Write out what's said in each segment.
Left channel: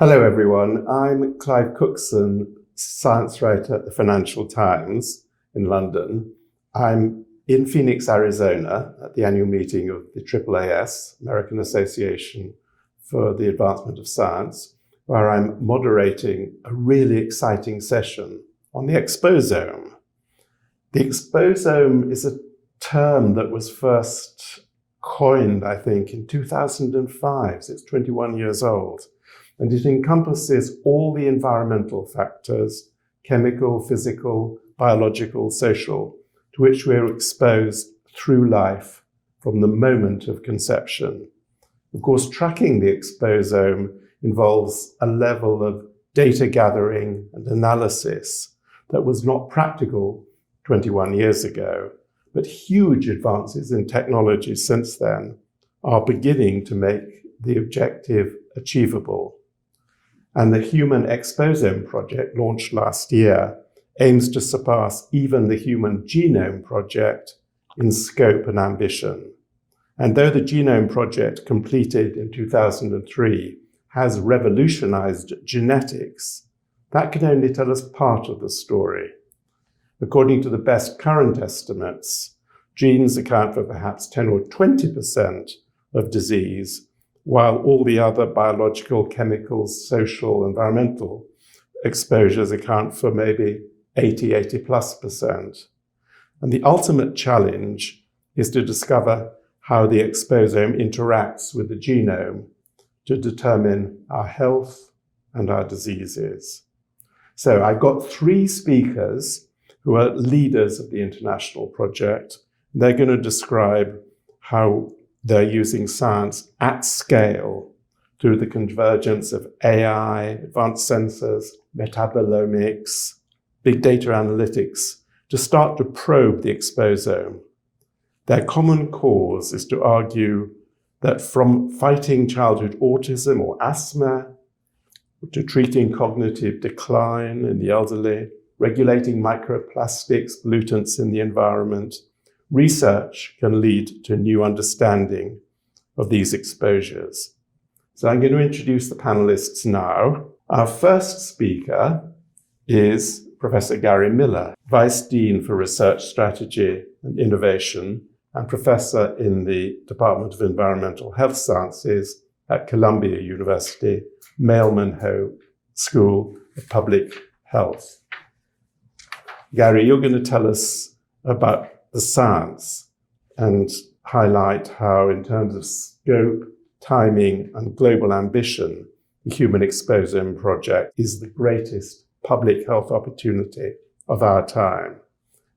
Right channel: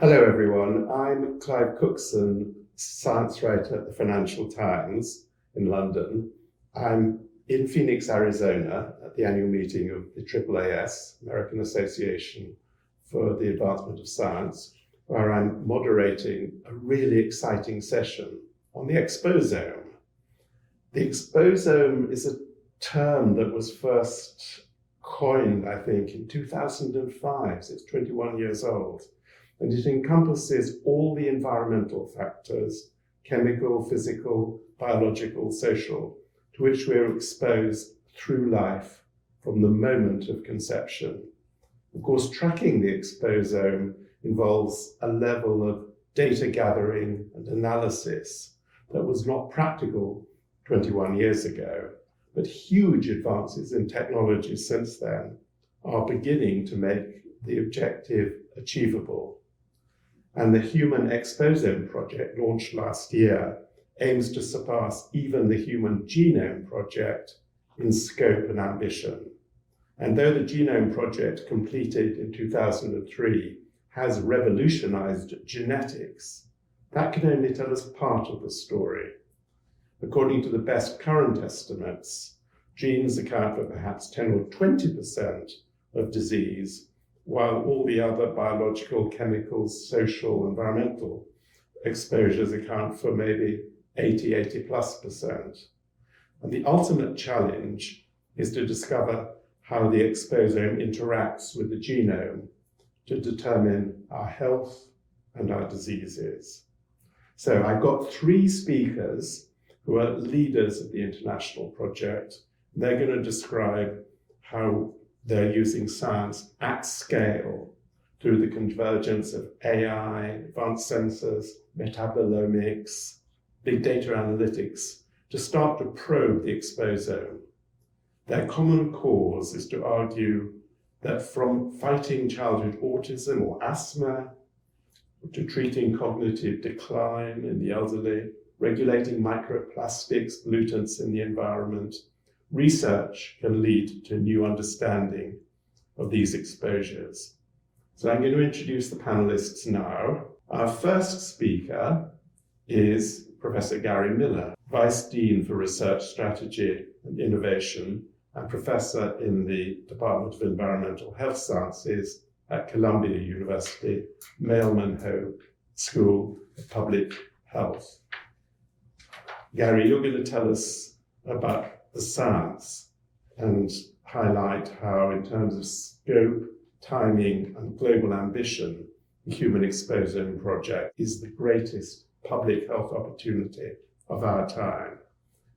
Hello, everyone. I'm Clive Cookson, science writer at the Financial Times in London. I'm in Phoenix, Arizona, at the annual meeting of the AAAS, American Association for the Advancement of Science, where I'm moderating a really exciting session on the exposome. The exposome is a term that was first coined, I think, in 2005, so it's 21 years old. And it encompasses all the environmental factors, chemical, physical, biological, social, to which we're exposed through life from the moment of conception. Of course, tracking the exposome involves a level of data gathering and analysis that was not practical 21 years ago, but huge advances in technology since then are beginning to make the objective achievable. And the Human Exposome project, launched last year, aims to surpass even the Human Genome project in scope and ambition. And though the Genome project, completed in 2003, has revolutionized genetics, that can only tell us part of the story. According to the best current estimates, genes account for perhaps 10 or 20% of disease, while all the other biological, chemical, social, environmental exposures account for maybe 80+%. And the ultimate challenge is to discover how the exposome interacts with the genome to determine our health and our diseases. So I've got three speakers who are leaders of the international project. They're going to describe how they're using science at scale through the convergence of AI, advanced sensors, metabolomics, big data analytics to start to probe the exposome. Their common cause is to argue that from fighting childhood autism or asthma, to treating cognitive decline in the elderly, regulating microplastics, pollutants in the environment, research can lead to a new understanding of these exposures. So I'm going to introduce the panelists now. Our first speaker is Professor Gary Miller, Vice Dean for Research Strategy and Innovation and Professor in the Department of Environmental Health Sciences at Columbia University, Mailman Hope School of Public Health. Gary, you're going to tell us about the science and highlight how, in terms of scope, timing, and global ambition, the Human Exposome project is the greatest public health opportunity of our time.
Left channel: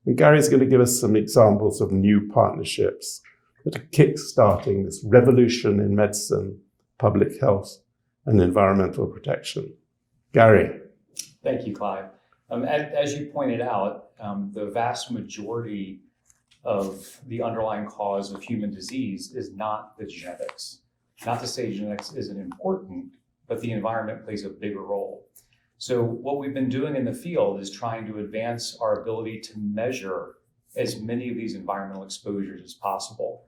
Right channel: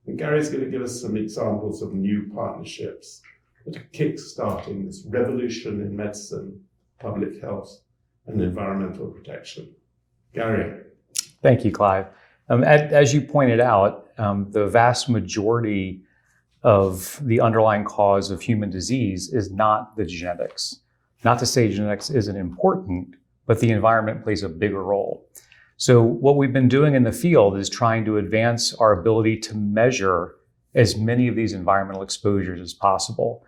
And Gary's going to give us some examples of new partnerships that are kick-starting this revolution in medicine, public health, and environmental protection. Gary. Thank you, Clive. As you pointed out, the vast majority of the underlying cause of human disease is not the genetics. Not to say genetics isn't important, but the environment plays a bigger role. So what we've been doing in the field is trying to advance our ability to measure as many of these environmental exposures as possible.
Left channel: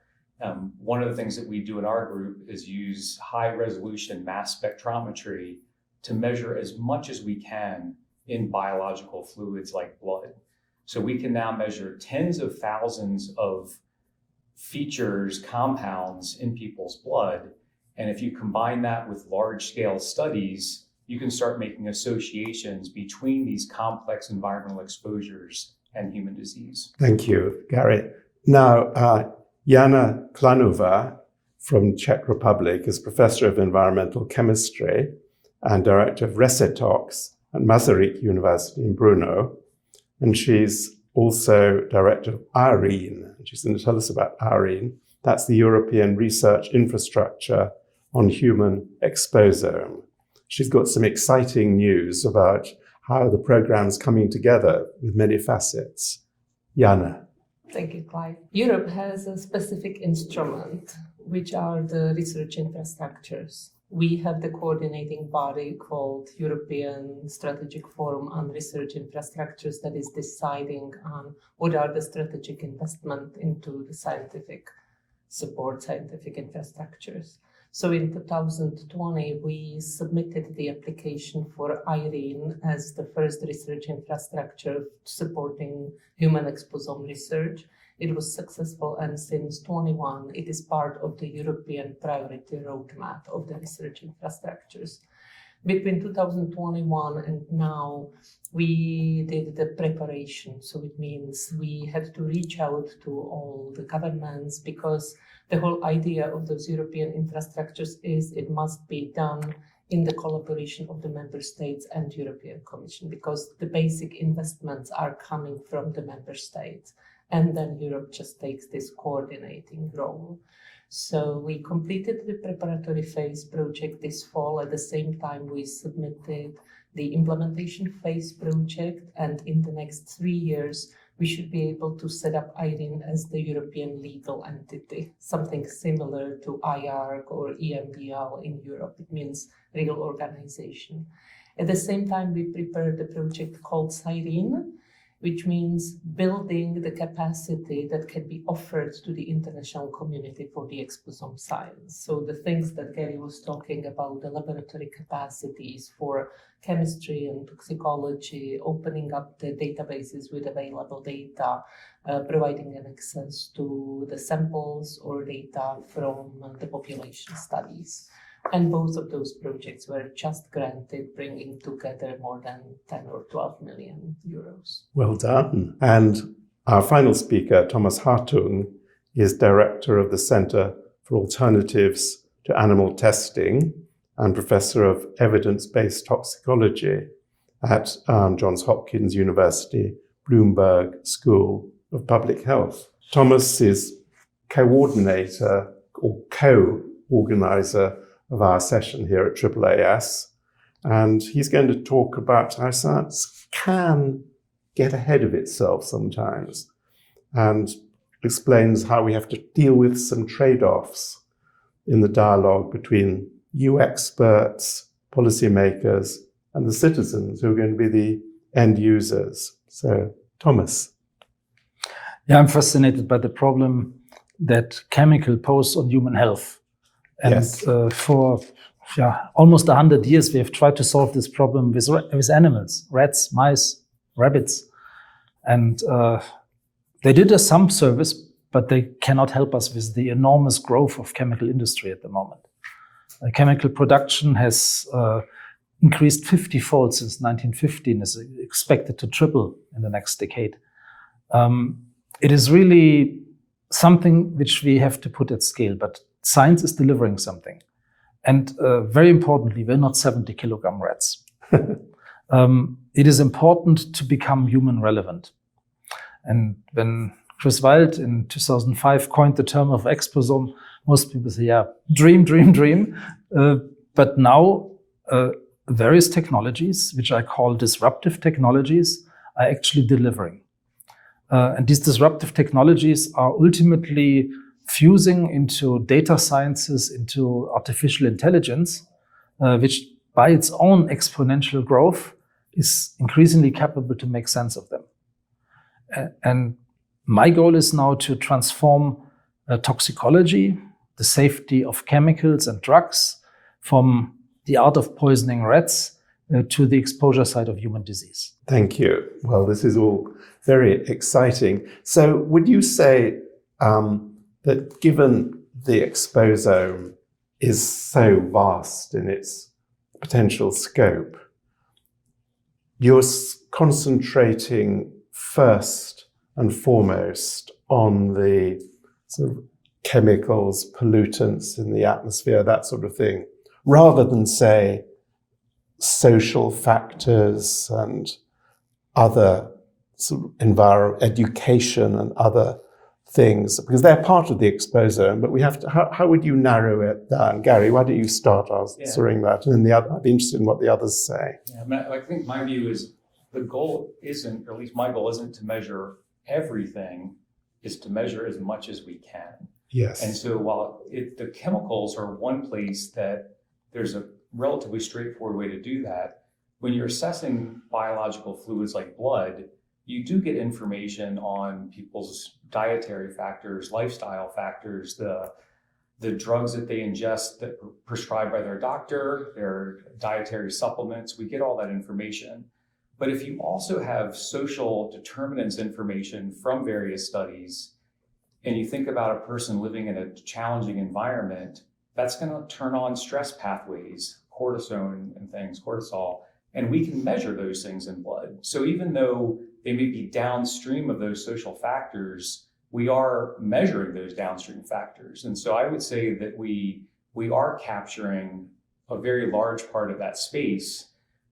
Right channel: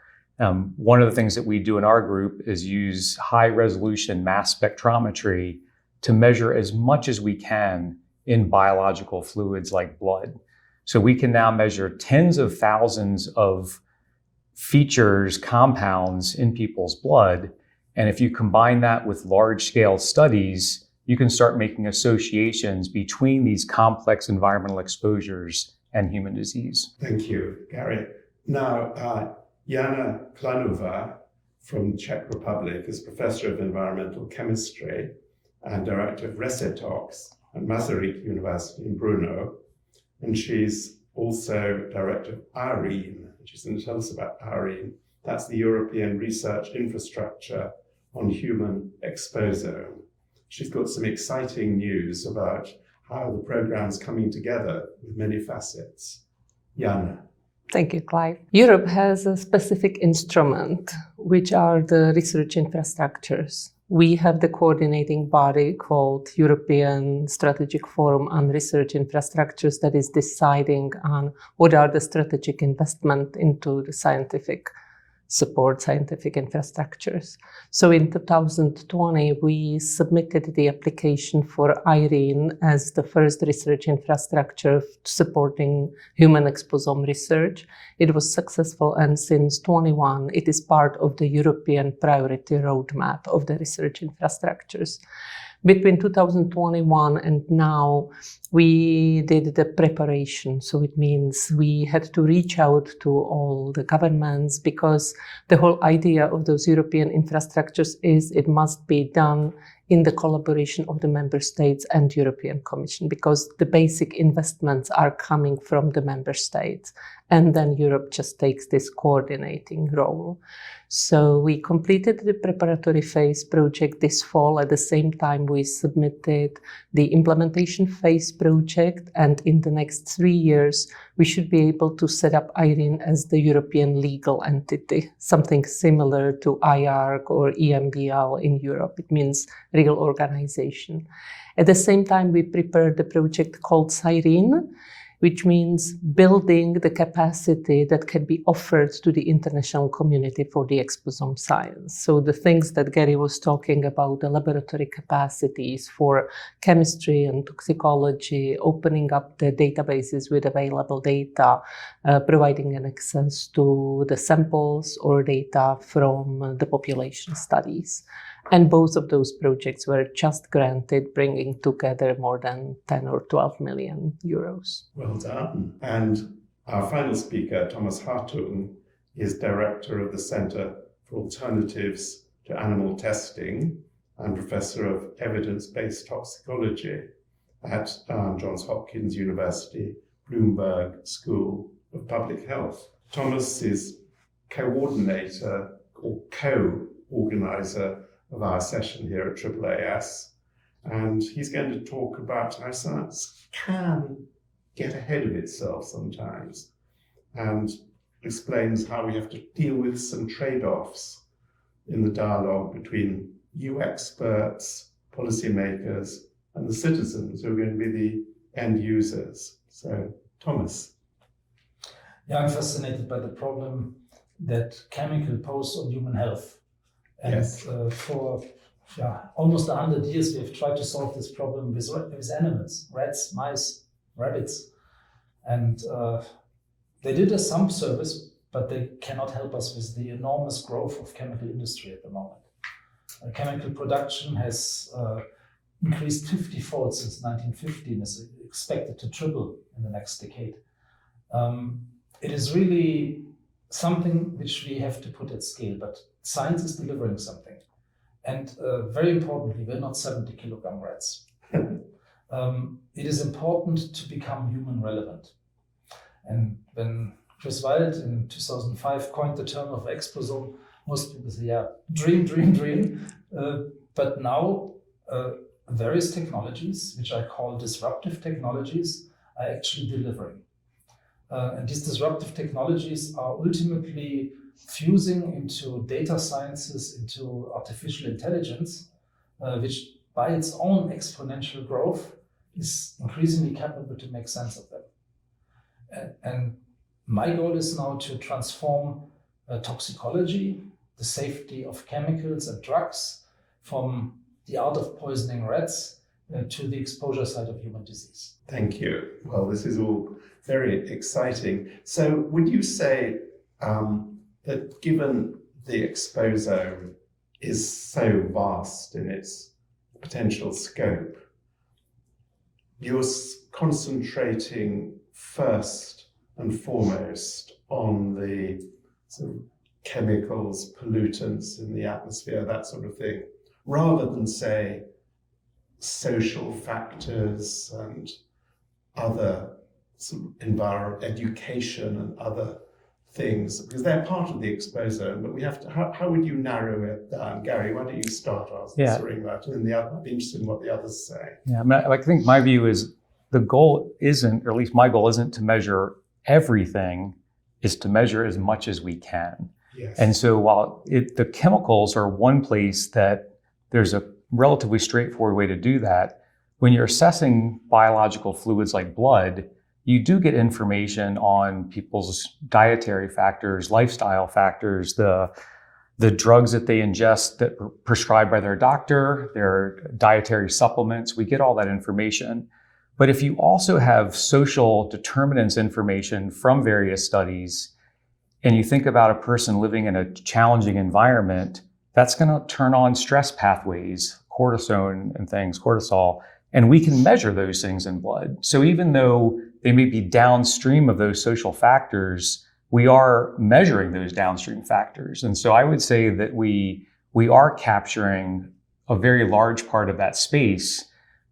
One of the things that we do in our group is use high resolution mass spectrometry to measure as much as we can in biological fluids like blood. So we can now measure tens of thousands of features, compounds in people's blood. And if you combine that with large-scale studies, you can start making associations between these complex environmental exposures and human disease. Thank you, Gary. Now, Jana Klánová from Czech Republic is Professor of Environmental Chemistry and Director of Resetox at Masaryk University in Brno. And she's also director of EIRENE. She's going to tell us about EIRENE. That's the European Research Infrastructure on Human Exposome. She's got some exciting news about how the program's coming together with many facets. Jana. Thank you, Clive. Europe has a specific instrument, which are the research infrastructures. We have the coordinating body called European Strategic Forum on Research Infrastructures that is deciding on what are the strategic investment into the scientific support scientific infrastructures. So in 2020, we submitted the application for EIRENE as the first research infrastructure supporting human exposome research. It was successful, and since 2021, it is part of the European priority roadmap of the research infrastructures. Between 2021 and now, we did the preparation. So it means we had to reach out to all the governments, because the whole idea of those European infrastructures is it must be done in the collaboration of the member states and European Commission, because the basic investments are coming from the member states. And then Europe just takes this coordinating role. So we completed the preparatory phase project this fall. At the same time, we submitted the implementation phase project. And in the next 3 years, we should be able to set up EIRENE as the European legal entity, something similar to IARC or EMBL in Europe. It means real organization. At the same time, we prepared the project called SIRENEL, which means building the capacity that can be offered to the international community for the exposome science. So the things that Gary was talking about, the laboratory capacities for chemistry and toxicology, opening up the databases with available data, providing an access to the samples or data from the population studies. And both of those projects were just granted, bringing together more than 10 or 12 million euros. Well done. And our final speaker, Thomas Hartung, is director of the Center for Alternatives to Animal Testing and professor of evidence-based toxicology at Johns Hopkins University, Bloomberg School of Public Health. Thomas is coordinator or co-organizer of our session here at AAAS, and he's going to talk about how science can get ahead of itself sometimes, and explains how we have to deal with some trade-offs in the dialogue between you experts, policymakers, and the citizens who are going to be the end users. So, Thomas. Yeah, I'm fascinated by the problem that chemical pose on human health. And yes. For almost 100 years, we have tried to solve this problem with animals, rats, mice, rabbits. And they did us some service, but they cannot help us with the enormous growth of chemical industry at the moment. Chemical production has increased 50-fold since 1950 and is expected to triple in the next decade. It is really something which we have to put at scale, but science is delivering something. And very importantly, we're not 70-kilogram rats. It is important to become human relevant. And when Chris Wild in 2005 coined the term of exposome, most people say, yeah, dream. But now various technologies, which I call disruptive technologies, are actually delivering. And these disruptive technologies are ultimately fusing into data sciences, into artificial intelligence, which by its own exponential growth is increasingly capable to make sense of them. And my goal is now to transform toxicology, the safety of chemicals and drugs, from the art of poisoning rats to the exposure side of human disease. Thank you. Well, this is all very exciting. So would you say that given the exposome is so vast in its potential scope, you're concentrating first and foremost on the sort of chemicals, pollutants in the atmosphere, that sort of thing, rather than, say, social factors and other sort of education and other things, because they're part of the exposome, but we have to, how would you narrow it down? Gary, why don't you start answering that? And then I'd be interested in what the others say. Yeah, I mean, I think my view is the goal isn't, or at least my goal isn't to measure everything, is to measure as much as we can. Yes. And so while the chemicals are one place that there's a relatively straightforward way to do that, when you're assessing biological fluids like blood, you do get information on people's dietary factors, lifestyle factors, the drugs that they ingest that are prescribed by their doctor, their dietary supplements. We get all that information. But if you also have social determinants information from various studies, and you think about a person living in a challenging environment, that's going to turn on stress pathways, cortisone and things, cortisol, and we can measure those things in blood. So even though they may be downstream of those social factors, we are measuring those downstream factors. And so I would say that we are capturing a very large part of that space,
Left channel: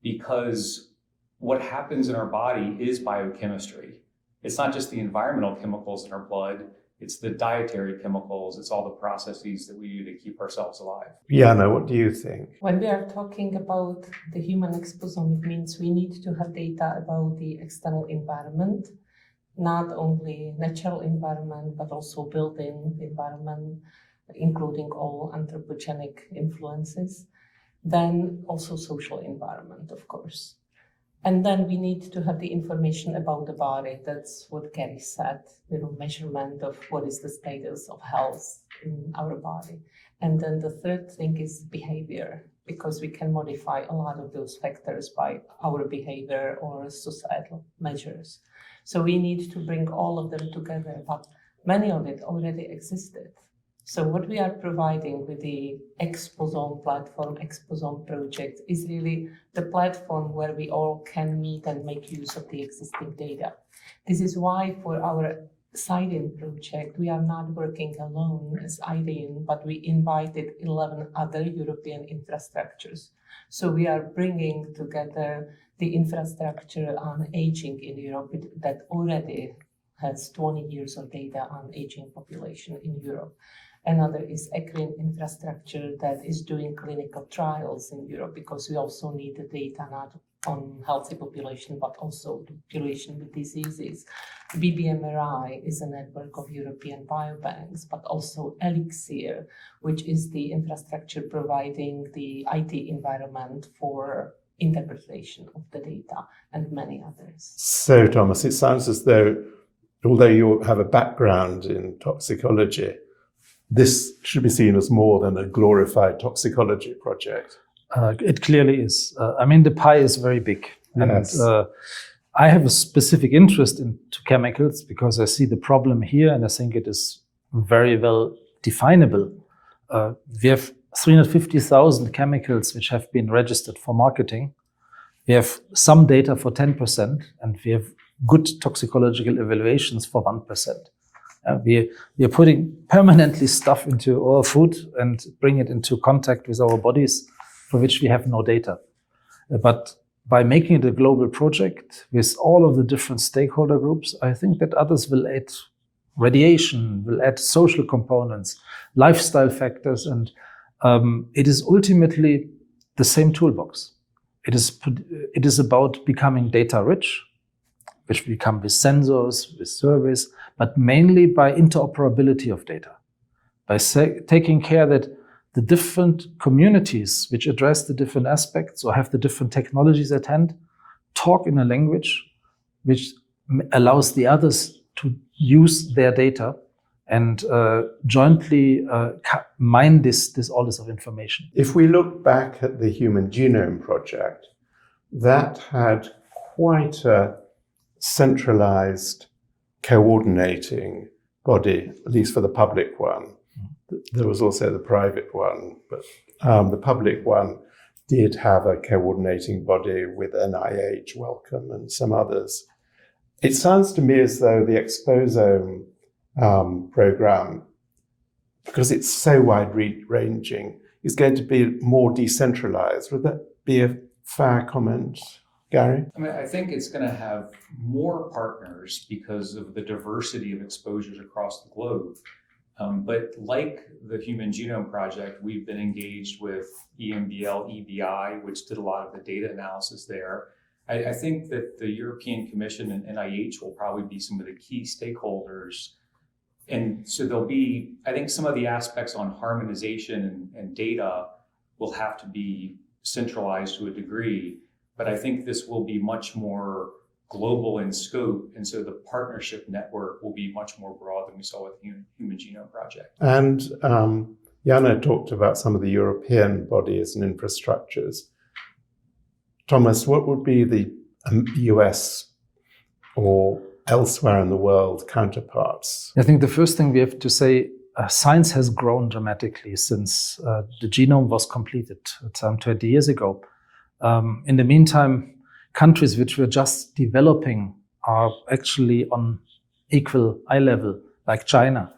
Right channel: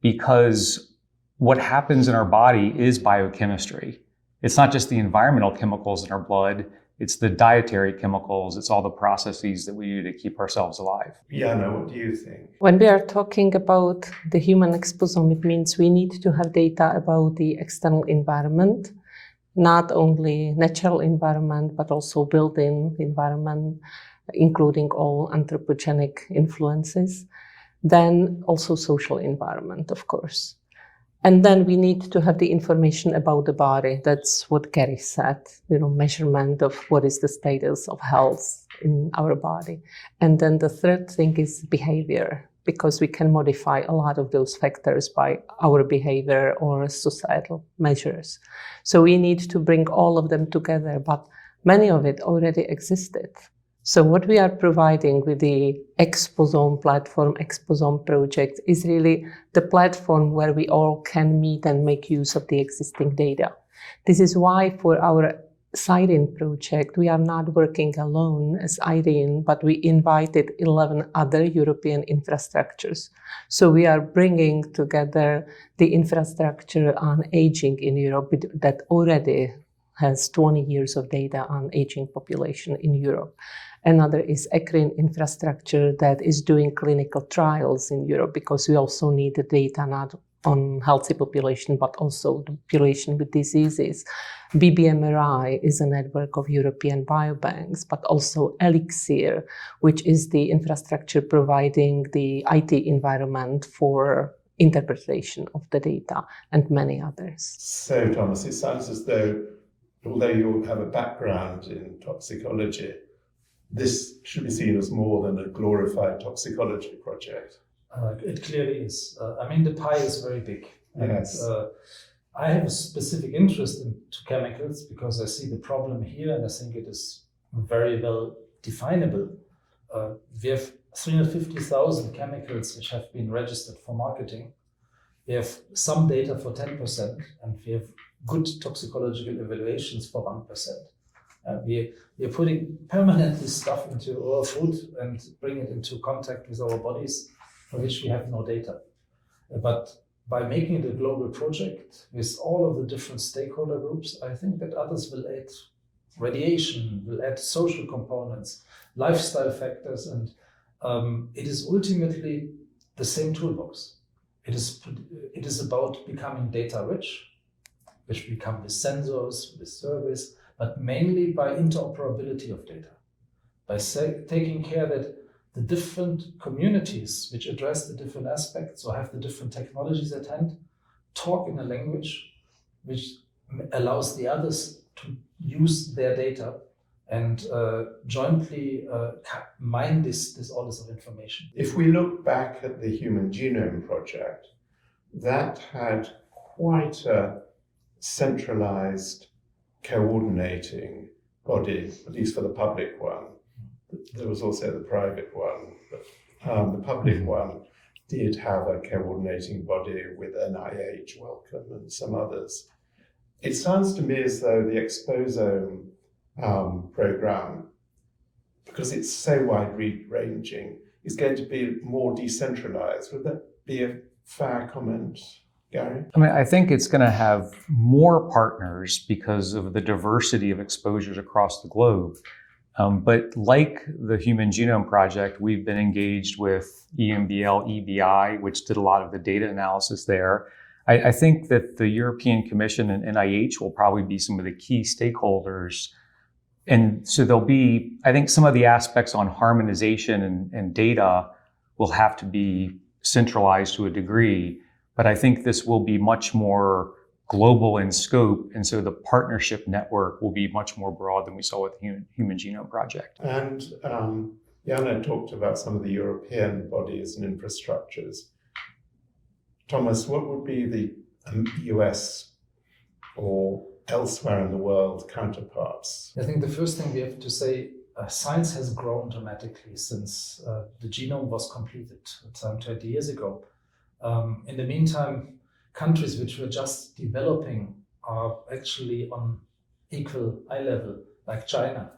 because what happens in our body is biochemistry. It's not just the environmental chemicals in our blood, it's the dietary chemicals, it's all the processes that we do to keep ourselves alive. Jana, what do you think? When we are talking about the human exposome, it means we need to have data about the external environment, not only natural environment, but also built-in environment, including all anthropogenic influences. Then also social environment, of course. And then we need to have the information about the body. That's what Gary said, measurement of what is the status of health in our body. And then the third thing is behavior, because we can modify a lot of those factors by our behavior or societal measures. So we need to bring all of them together, but many of it already existed. So what we are providing with the Exposome platform, Exposome project, is really the platform where we all can meet and make use of the existing data. This is why for our SIRENE project, we are not working alone as EIRENE, but we invited 11 other European infrastructures. So we are bringing together the infrastructure on aging in Europe that already has 20 years of data on aging population in Europe. Another is EIRENE infrastructure that is doing clinical trials in Europe, because we also need the data not on healthy population, but also the population with diseases. BBMRI is a network of European biobanks, but also Elixir, which is the infrastructure providing the IT environment for interpretation of the data, and many others. So, Thomas, it sounds as though, although you have a background in toxicology, this should be seen as more than a glorified toxicology project. It clearly is. The pie is very big. Yes. And I have a specific interest into chemicals because I see the problem here, and I think it is very well definable. We have 350,000 chemicals which have been registered for marketing. We have some data for 10%, and we have good toxicological evaluations for 1%. We are putting permanently stuff into our food and bring it into contact with our bodies, for which we have no data. But by making it a global project with all of the different stakeholder groups, I think that others will add radiation, will add social components, lifestyle factors, and it is ultimately the same toolbox. It is about becoming data rich, which we become with sensors, with surveys, but mainly by interoperability of data, by taking care that the different communities which address the different aspects or have the different technologies at hand talk in a language which allows the others to use their data and jointly mine all this of information. If we look back at the Human Genome Project, that had quite a centralized coordinating body, at least for the public one. There was also the private one, but the public one did have a coordinating body with NIH, Wellcome, and some others. It sounds to me as though the Exposome program, because it's so wide-ranging, is going to be more decentralized. Would that be a fair comment, Gary? I think it's going to have more partners because of the diversity of exposures across the globe. But like the Human Genome Project, we've been engaged with EMBL, EBI, which did a lot of the data analysis there. I think that the European Commission and NIH will probably be some of the key stakeholders. And so there'll be, I think some of the aspects on harmonization and data will have to be centralized to a degree. But I think this will be much more global in scope, and so the partnership network will be much more broad than we saw with the Human Genome Project. And Jana talked about some of the European bodies and infrastructures. Thomas, what would be the US or elsewhere in the world counterparts? I think the first thing we have to say, science has grown dramatically since the genome was completed some 20 years ago. In the meantime, countries which were just developing are actually on equal eye level, like China,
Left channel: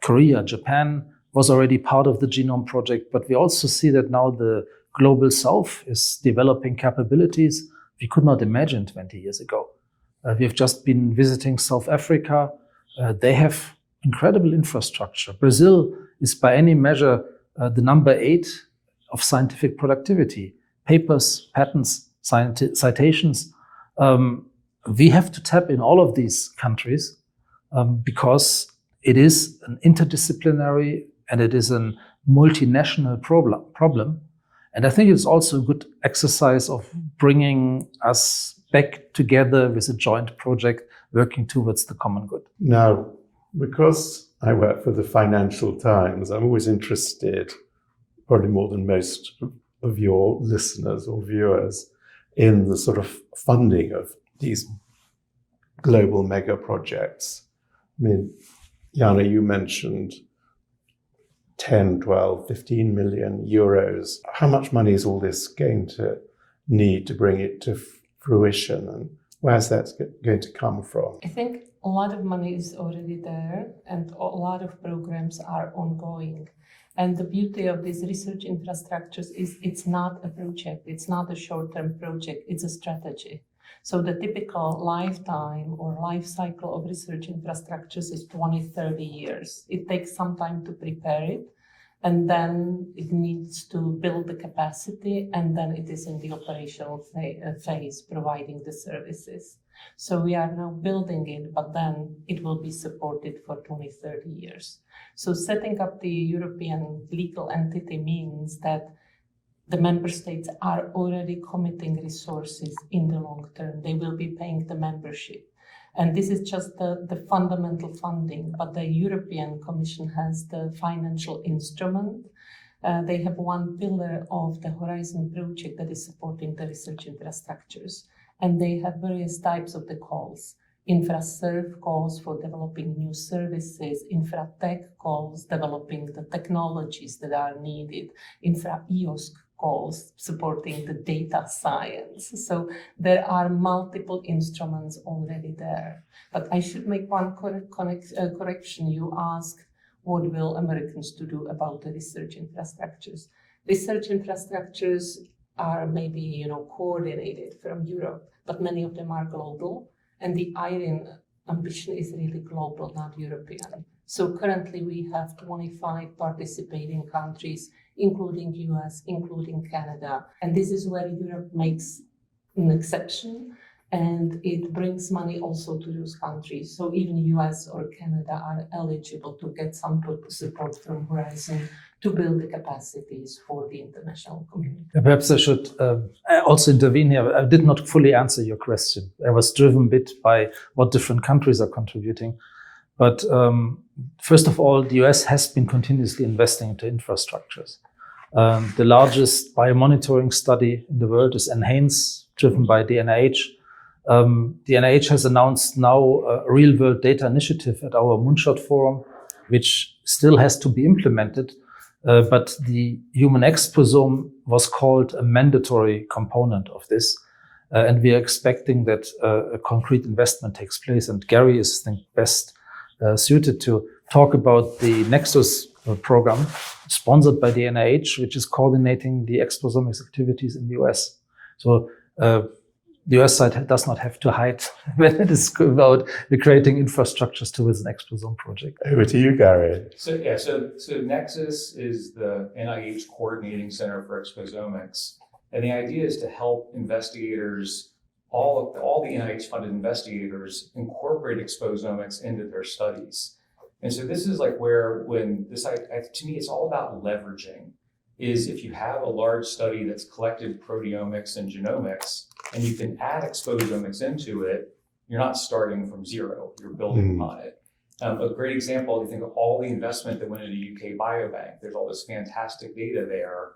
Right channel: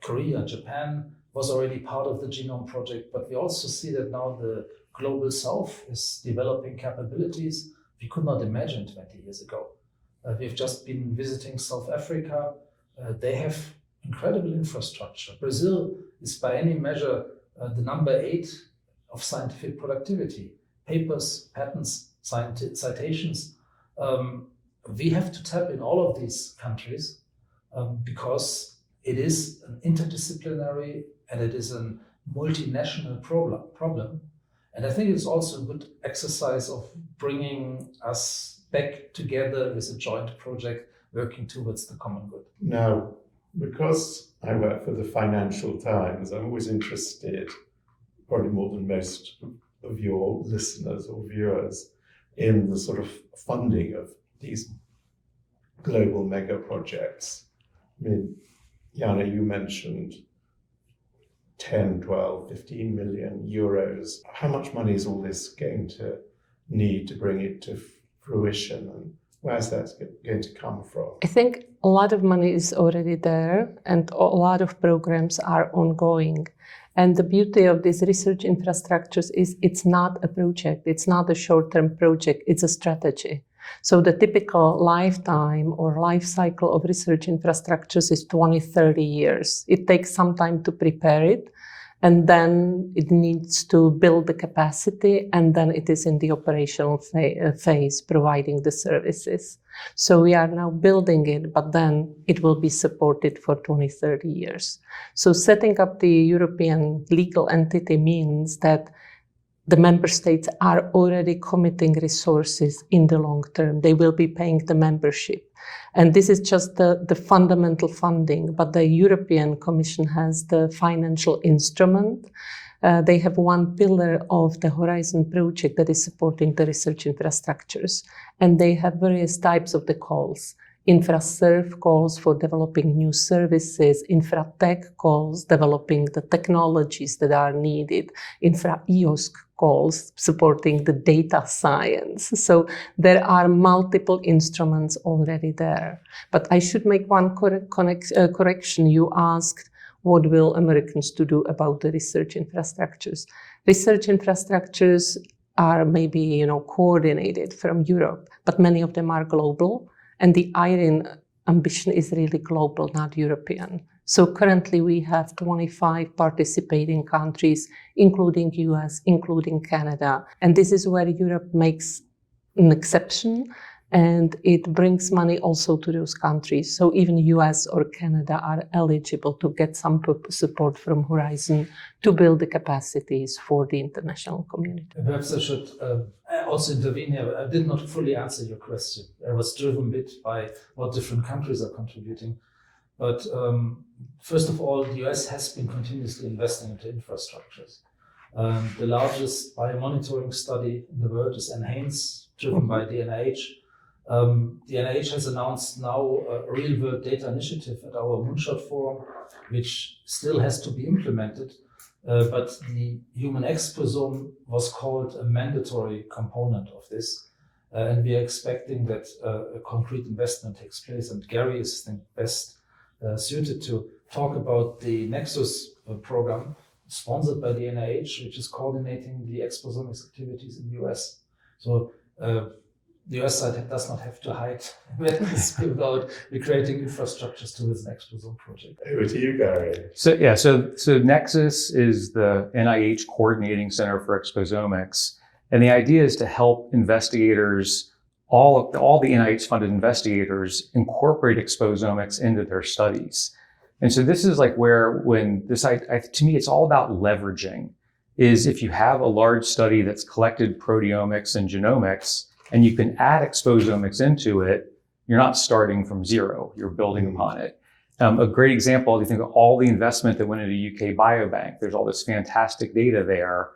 Korea, Japan was already part of the genome project, but we also see that now the global south is developing capabilities we could not imagine 20 years ago. We've just been visiting South Africa. They have incredible infrastructure. Brazil is by any measure the number 8 of scientific productivity. Papers, patents, citations. We have to tap in all of these countries because it is an interdisciplinary and it is a multinational problem. And I think it's also a good exercise of bringing us back together with a joint project working towards the common good. Now, because I work for the Financial Times, I'm always interested, probably more than most of your listeners or viewers, in the sort of funding of these global mega projects. I mean, Jana, you mentioned 10, 12, 15 million euros. How much money is all this going to need to bring it to fruition, and where's that going to come from? I think a lot of money is already there and a lot of programs are ongoing. And the beauty of these research infrastructures is it's not a project, it's not a short-term project, it's a strategy. So the typical lifetime or life cycle of research infrastructures is 20, 30 years. It takes some time to prepare it, and then it needs to build the capacity, and then it is in the operational phase, providing the services. So we are now building it, but then it will be supported for 20, 30 years. So setting up the European legal entity means that the member states are already committing resources in the long term. They will be paying the membership. And this is just the fundamental funding, but the European Commission has the financial instrument. They have one pillar of the Horizon project that is supporting the research infrastructures. And they have various types of the calls. InfraServe calls for developing new services, InfraTech calls developing the technologies that are needed, InfraEOSC calls supporting the data science. So there are multiple instruments already there. But I should make one correction. You asked, what will Americans to do about the research infrastructures? Research infrastructures are maybe coordinated from Europe, but many of them are global. And the EIRENE ambition is really global, not European. So currently we have 25 participating countries, including US, including Canada. And this is where Europe makes an exception, and it brings money also to those countries. So even US or Canada are eligible to get some support from Horizon to build the capacities for the international community. Perhaps I should also intervene here. I did not fully answer your question. I was driven a bit by what different countries are contributing. But first of all, the US has been continuously investing into infrastructures. The largest biomonitoring study in the world is NHANES, driven by the NIH. The NIH has announced now a real-world data initiative at our Moonshot Forum, which still has to be implemented. But the Human Exposome was called a mandatory component of this. And we are expecting that a concrete investment takes place. And Gary is, I think, best suited to talk about the NEXUS program sponsored by the NIH, which is coordinating the Exposomics activities in the US. So the US side does not have to hide when it is about creating infrastructures towards an Exposome project. Over to you, Gary. So NEXUS is the NIH Coordinating Center for Exposomics. And the idea is to help investigators, all the NIH-funded investigators, incorporate exposomics into their studies. And so this is like where, to me, it's all about leveraging. is if you have a large study that's collected proteomics and genomics, and you can add exposomics into it, you're not starting from zero, you're building upon it. A great example, if you think of all the investment that went into UK Biobank, there's all this fantastic data there,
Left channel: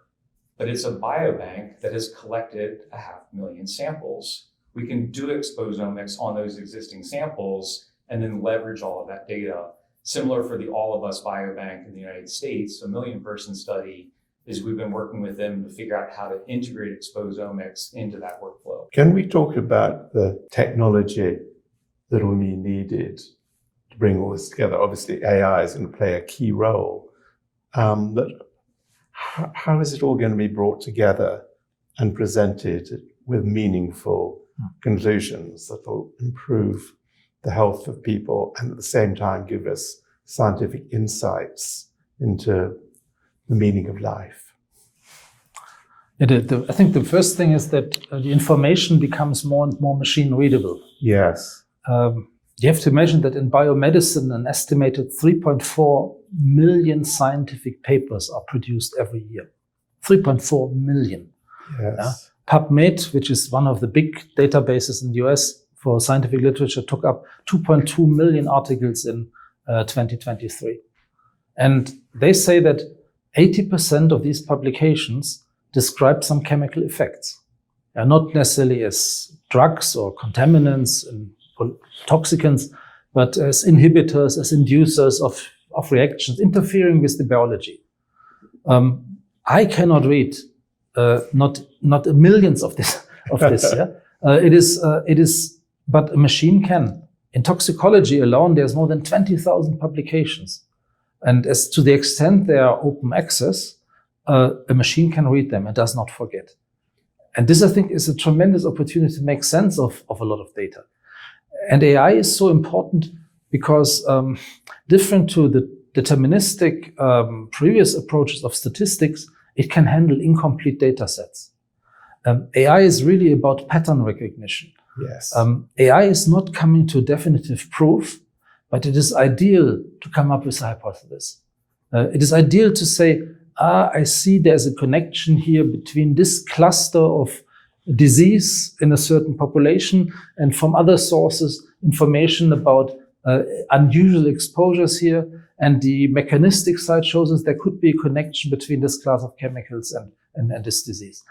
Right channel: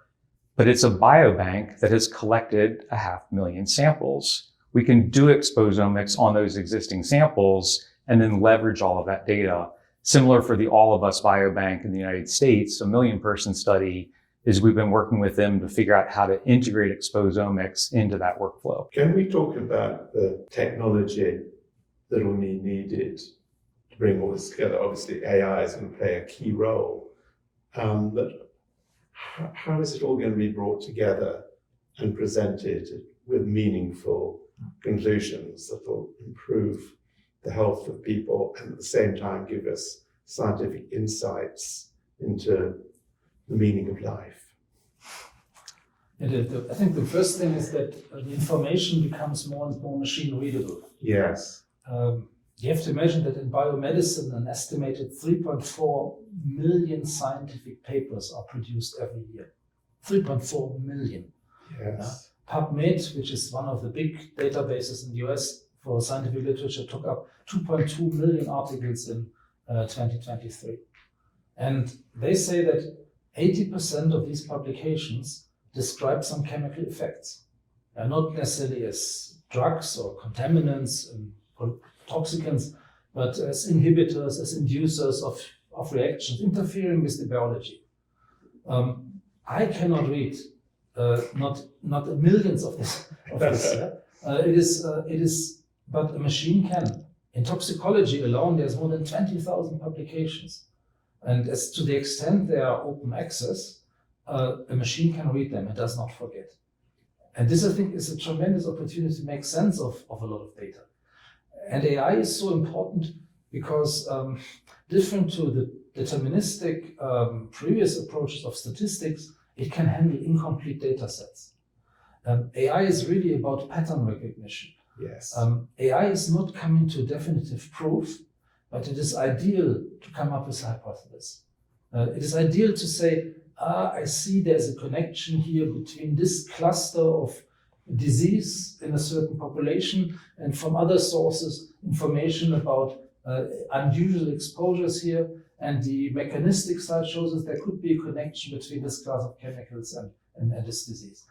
but it's a biobank that has collected 500,000 samples. We can do exposomics on those existing samples and then leverage all of that data. Similar for the All of Us Biobank in the United States, a 1 million-person study, is we've been working with them to figure out how to integrate exposomics into that workflow. Can we talk about the technology that will be needed to bring all this together? Obviously, AI is going to play a key role. But how is it all going to be brought together and presented with meaningful conclusions that will improve the health of people and at the same time give us scientific insights into the meaning of life? I think the first thing is that the information becomes more and more machine readable. Yes. You have to imagine that in biomedicine, an estimated 3.4 million scientific papers are produced every year. 3.4 million. Yes. PubMed, which is one of the big databases in the US for scientific literature, took up 2.2 million articles in 2023. And they say that 80% of these publications describe some chemical effects. Not necessarily as drugs or contaminants and toxicants, but as inhibitors, as inducers of reactions, interfering with the biology. I cannot read not millions of this. Yeah? It is, but a machine can. In toxicology alone, there's more than 20,000 publications. And as to the extent they are open access, a machine can read them and does not forget. And this, I think, is a tremendous opportunity to make sense of a lot of data. And AI is so important because different to the deterministic previous approaches of statistics, it can handle incomplete data sets. AI is really about pattern recognition. Yes. AI is not coming to definitive proof, but it is ideal to come up with a hypothesis. It is ideal to say, I see there's a connection here between this cluster of disease in a certain population and from other sources, information about unusual exposures here. And the mechanistic side shows us there could be a connection between this class of chemicals and this disease.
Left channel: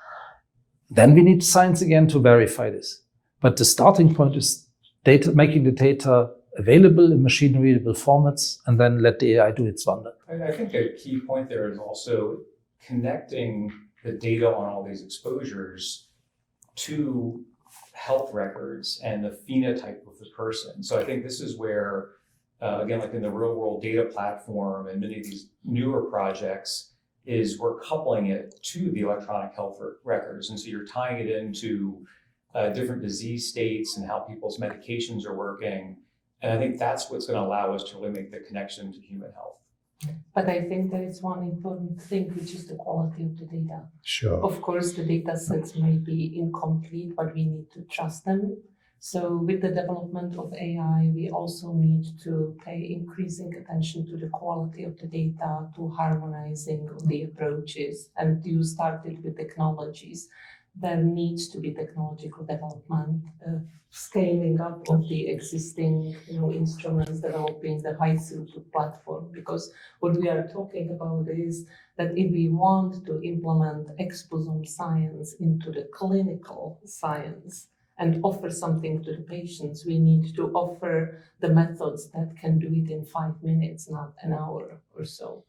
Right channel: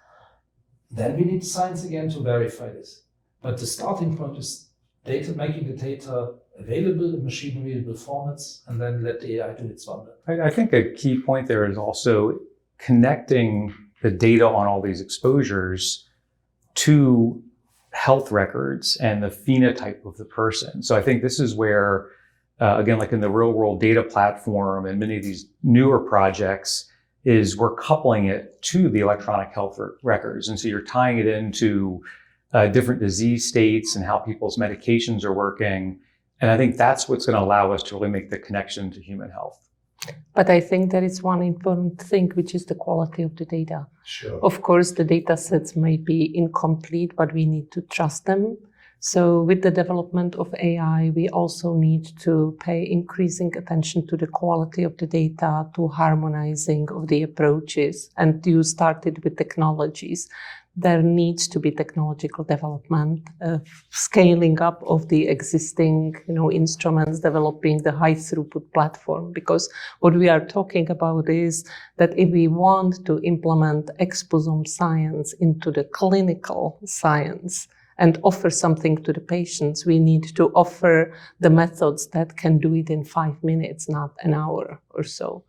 Then we need science again to verify this. But the starting point is data, making the data available in machine-readable formats, and then let the AI do its wonder. I think a key point there is also connecting the data on all these exposures to health records and the phenotype of the person. So I think this is where, again, like in the real-world data platform and many of these newer projects, is we're coupling it to the electronic health records. And so you're tying it into different disease states and how people's medications are working. And I think that's what's going to allow us to really make the connection to human health. But I think there is one important thing, which is the quality of the data. Sure. Of course, the data sets may be incomplete, but we need to trust them. So with the development of AI, we also need to pay increasing attention to the quality of the data, to harmonizing of the approaches. And you started with technologies. There needs to be technological development, scaling up of the existing instruments, developing the high throughput platform. Because what we are talking about is that if we want to implement exposome science into the clinical science and offer something to the patients, we need to offer the methods that can do it in 5 minutes, not an hour or so.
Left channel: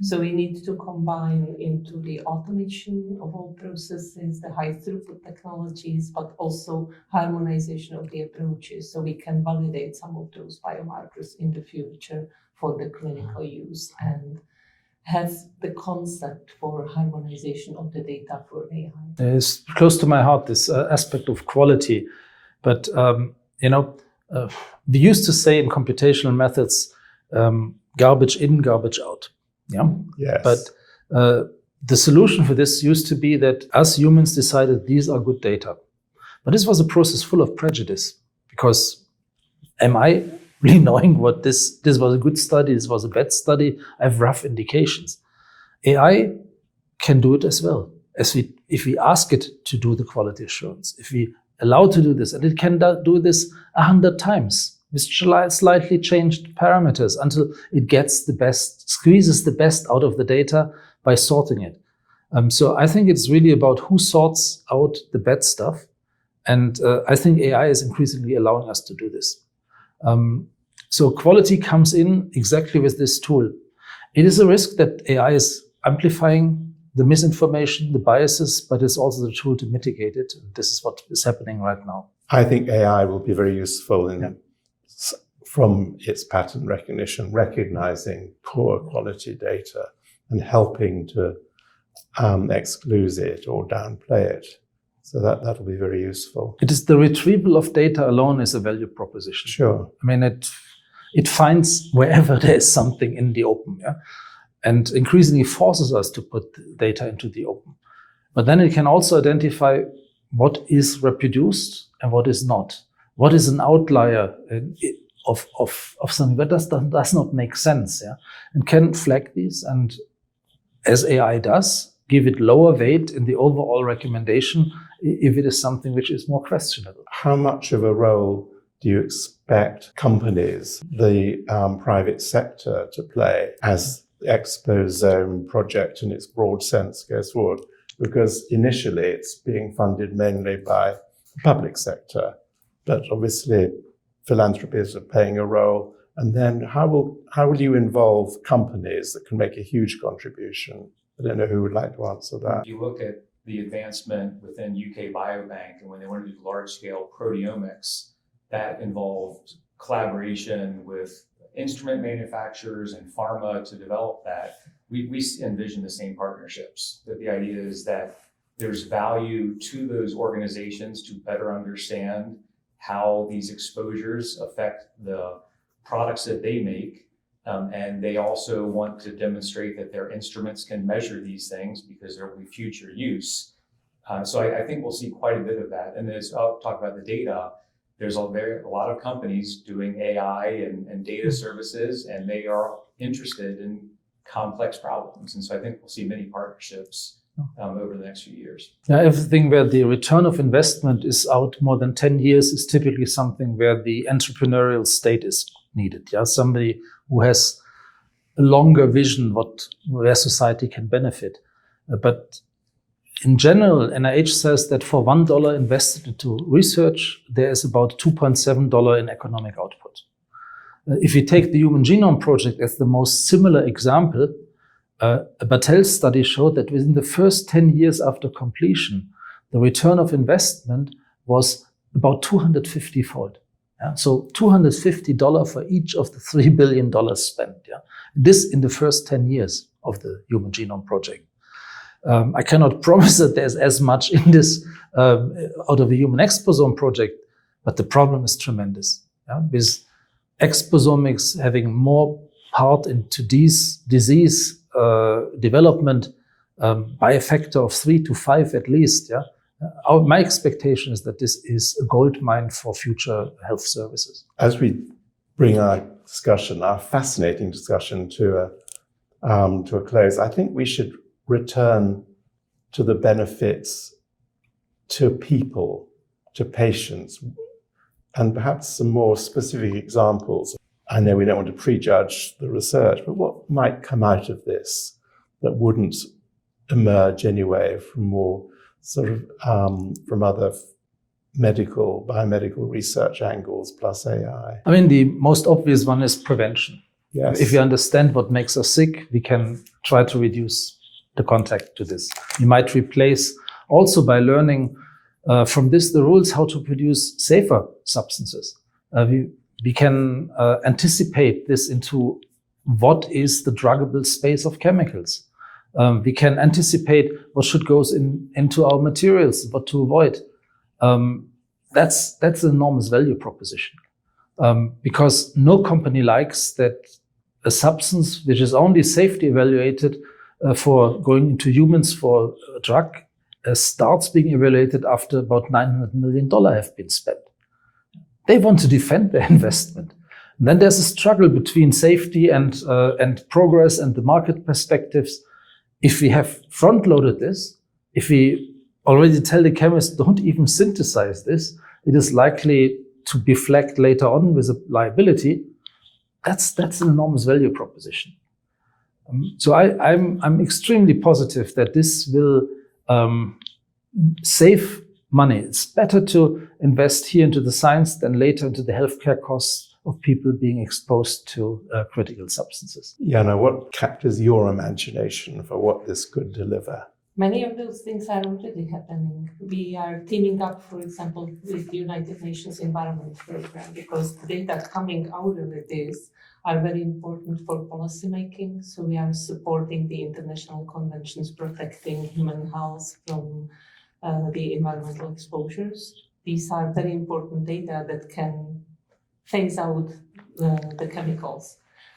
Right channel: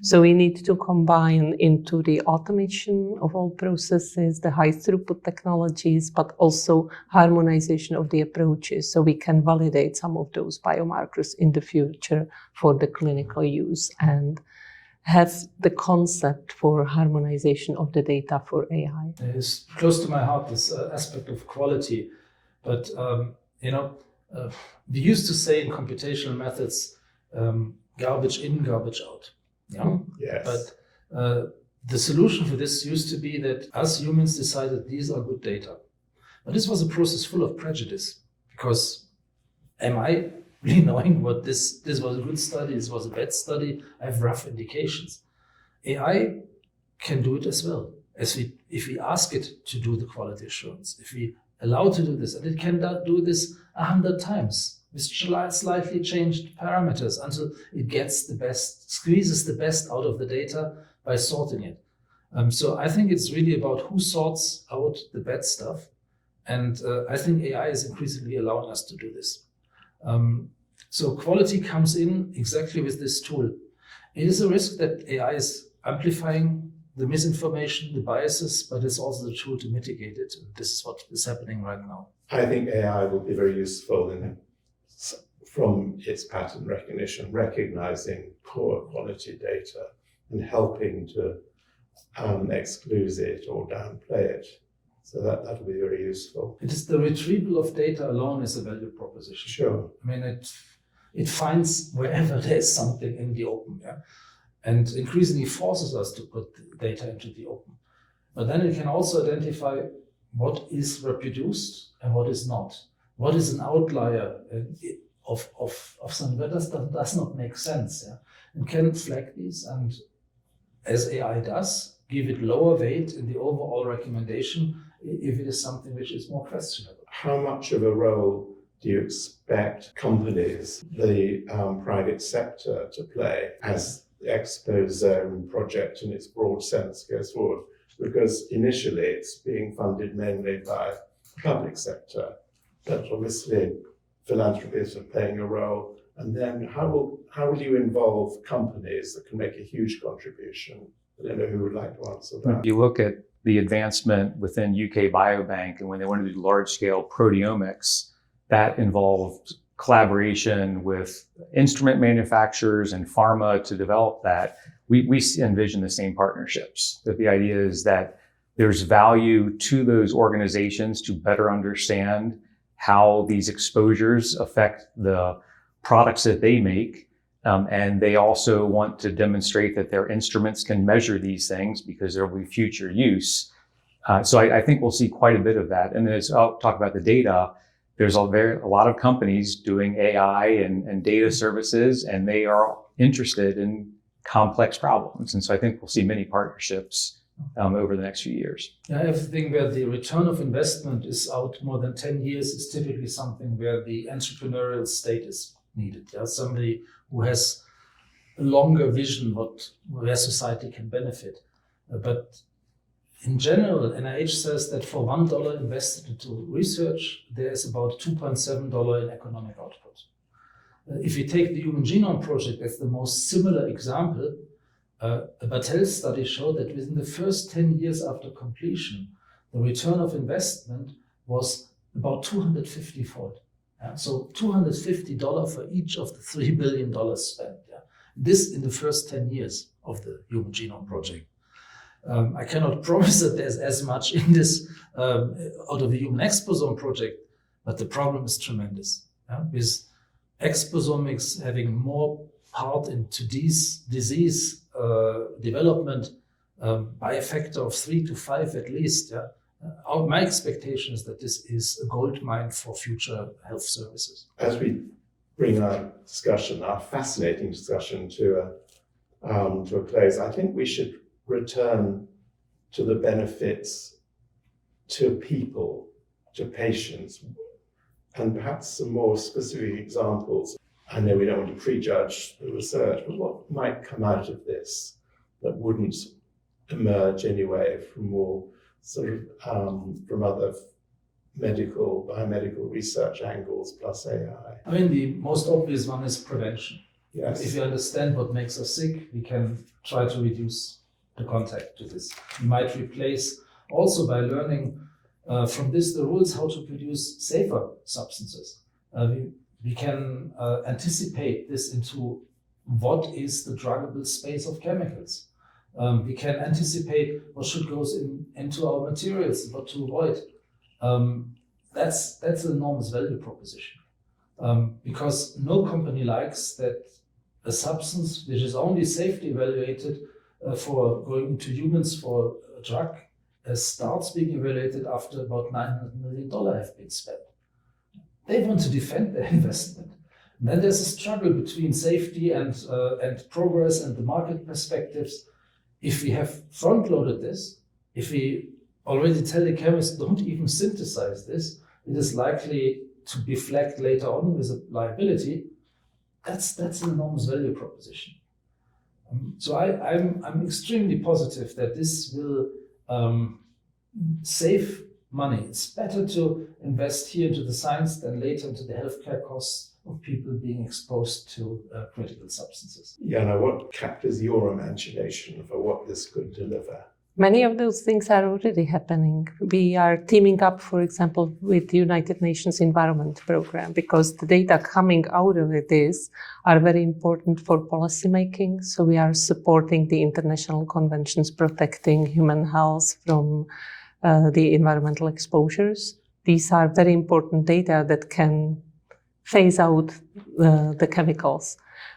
So we need to combine into the automation of all processes, the high throughput technologies, but also harmonization of the approaches so we can validate some of those biomarkers in the future for the clinical use and have the concept for harmonization of the data for AI. It's close to my heart, this aspect of quality. But, we used to say in computational methods, garbage in, garbage out. Yeah. Yes. But the solution for this used to be that us humans decided these are good data. But this was a process full of prejudice, because am I really knowing what this was a good study, this was a bad study? I have rough indications. AI can do it as well. If we ask it to do the quality assurance, if we allow to do this, and it can do this 100 times with slightly changed parameters until it gets the best, squeezes the best out of the data by sorting it. So I think it's really about who sorts out the bad stuff. And I think AI is increasingly allowing us to do this. So quality comes in exactly with this tool. It is a risk that AI is amplifying the misinformation, the biases, but it's also the tool to mitigate it. And this is what is happening right now. I think AI will be very useful from its pattern recognition, recognizing poor quality data and helping to exclude it or downplay it. So that'll be very useful. It is the retrieval of data alone is a value proposition. Sure. I mean, it finds wherever there is something in the open, yeah? And increasingly forces us to put data into the open. But then it can also identify what is reproduced and what is not. What is an outlier of something that does not make sense, yeah? And can flag these, and as AI does, give it lower weight in the overall recommendation if it is something which is more questionable. How much of a role do you expect companies, the private sector, to play as the Exposome project in its broad sense goes forward? Because initially it's being funded mainly by the public sector, but obviously philanthropists are playing a role. And then how will you involve companies that can make a huge contribution? I don't know who would like to answer that. If you look at the advancement within UK Biobank, and when they wanted to do large-scale proteomics, that involved collaboration with instrument manufacturers and pharma to develop that. We envision the same partnerships. That the idea is that there's value to those organizations to better understand how these exposures affect the products that they make. And they also want to demonstrate that their instruments can measure these things because there will be future use. So I think we'll see quite a bit of that. And as I'll talk about the data, there's a lot of companies doing AI and data services, and they are interested in complex problems. And so I think we'll see many partnerships over the next few years. Yeah, everything where the return of investment is out more than 10 years is typically something where the entrepreneurial state is needed. Yeah, somebody who has a longer vision where society can benefit. But in general, NIH says that for $1 invested into research, there is about $2.7 in economic output. If you take the Human Genome Project as the most similar example, a Battelle study showed that within the first 10 years after completion, the return of investment was about 250-fold. Yeah? So $250 for each of the $3 billion spent. Yeah? This in the first 10 years of the Human Genome Project. I cannot promise that there's as much in this out of the Human Exposome Project, but the problem is tremendous. Yeah? With Exposomics having more part into disease development by a factor of 3 to 5 at least. Yeah? My expectation is that this is a gold mine for future health services. As we bring our fascinating discussion to a close, I think we should return to the benefits to people, to patients, and perhaps some more specific examples. I know we don't want to prejudge the research, but what might come out of this that wouldn't emerge anyway from more sort of from other biomedical research angles plus AI? I mean, the most obvious one is prevention. Yes. If you understand what makes us sick, we can try to reduce the contact to this. You might replace also by learning from this the rules how to produce safer substances. We can anticipate this into what is the druggable space of chemicals. We can anticipate what should go into our materials, what to avoid. That's an enormous value proposition because no company likes that a substance which is only safety evaluated for going into humans for a drug starts being evaluated after about $900 million have been spent. They want to defend their investment. And then there's a struggle between safety and progress and the market perspectives. if we have front-loaded this, if we already tell the chemists don't even synthesize this, it is likely to be flagged later on with a liability. That's an enormous value proposition. So I'm extremely positive that this will save money. It's better to invest here into the science than later into the healthcare costs of people being exposed to critical substances. Jana, what captures your imagination for what this could deliver? Many of those things are already happening. We are teaming up, for example, with the United Nations Environment Program, because the data coming out of this are very important for policymaking. So we are supporting the international conventions protecting human health from the environmental exposures. These are very important data that can phase out the chemicals.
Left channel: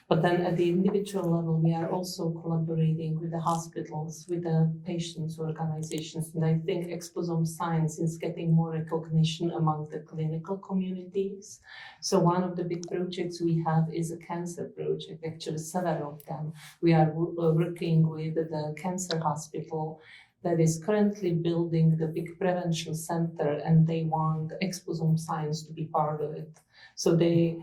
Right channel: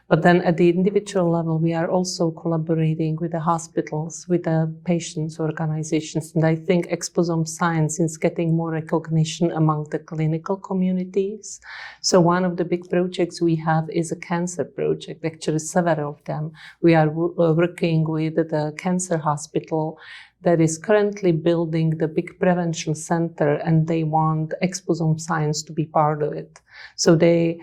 But then at the individual level, we are also collaborating with the hospitals, with the patients' organizations. And I think exposome science is getting more recognition among the clinical communities. So one of the big projects we have is a cancer project, actually several of them. We are working with the cancer hospital that is currently building the big prevention center, and they want exposome science to be part of it. So they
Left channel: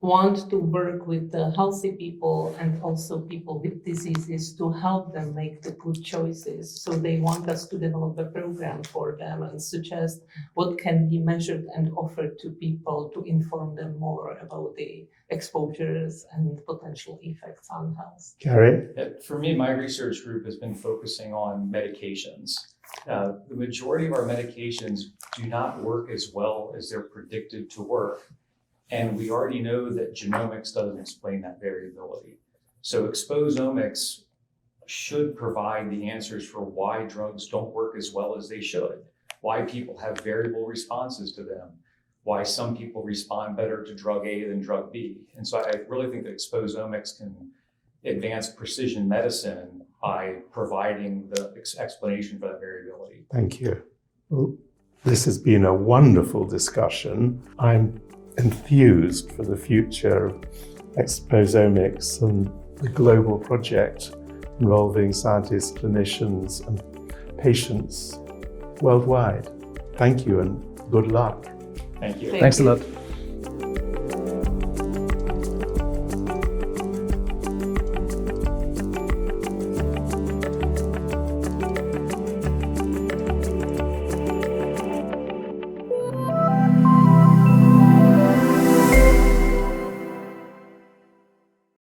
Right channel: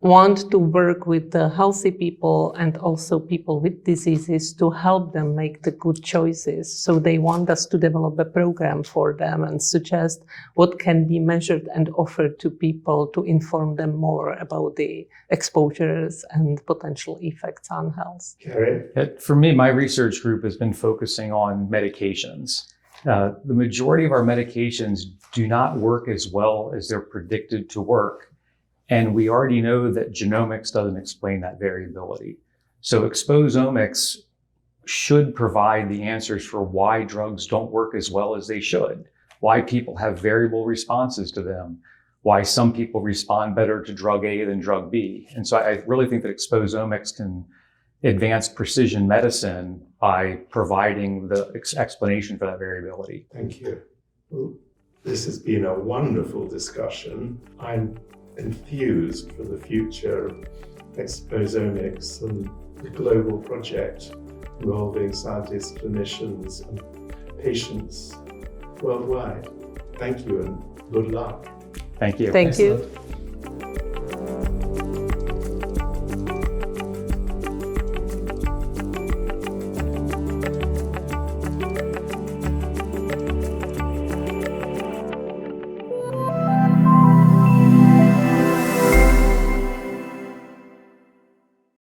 want to work with the healthy people and also people with diseases to help them make the good choices. So they want us to develop a program for them and suggest what can be measured and offered to people to inform them more about the exposures and potential effects on health. Gary? For me, my research group has been focusing on medications. The majority of our medications do not work as well as they're predicted to work. And we already know that genomics doesn't explain that variability. So exposomics should provide the answers for why drugs don't work as well as they should, why people have variable responses to them, why some people respond better to drug A than drug B. And so I really think that exposomics can advance precision medicine by providing the explanation for that variability. Thank you. Well, this has been a wonderful discussion. I'm enthused for the future of exposomics and the global project involving scientists, clinicians, and patients worldwide. Thank you and good luck. Thank you. Thank Thanks you. a lot.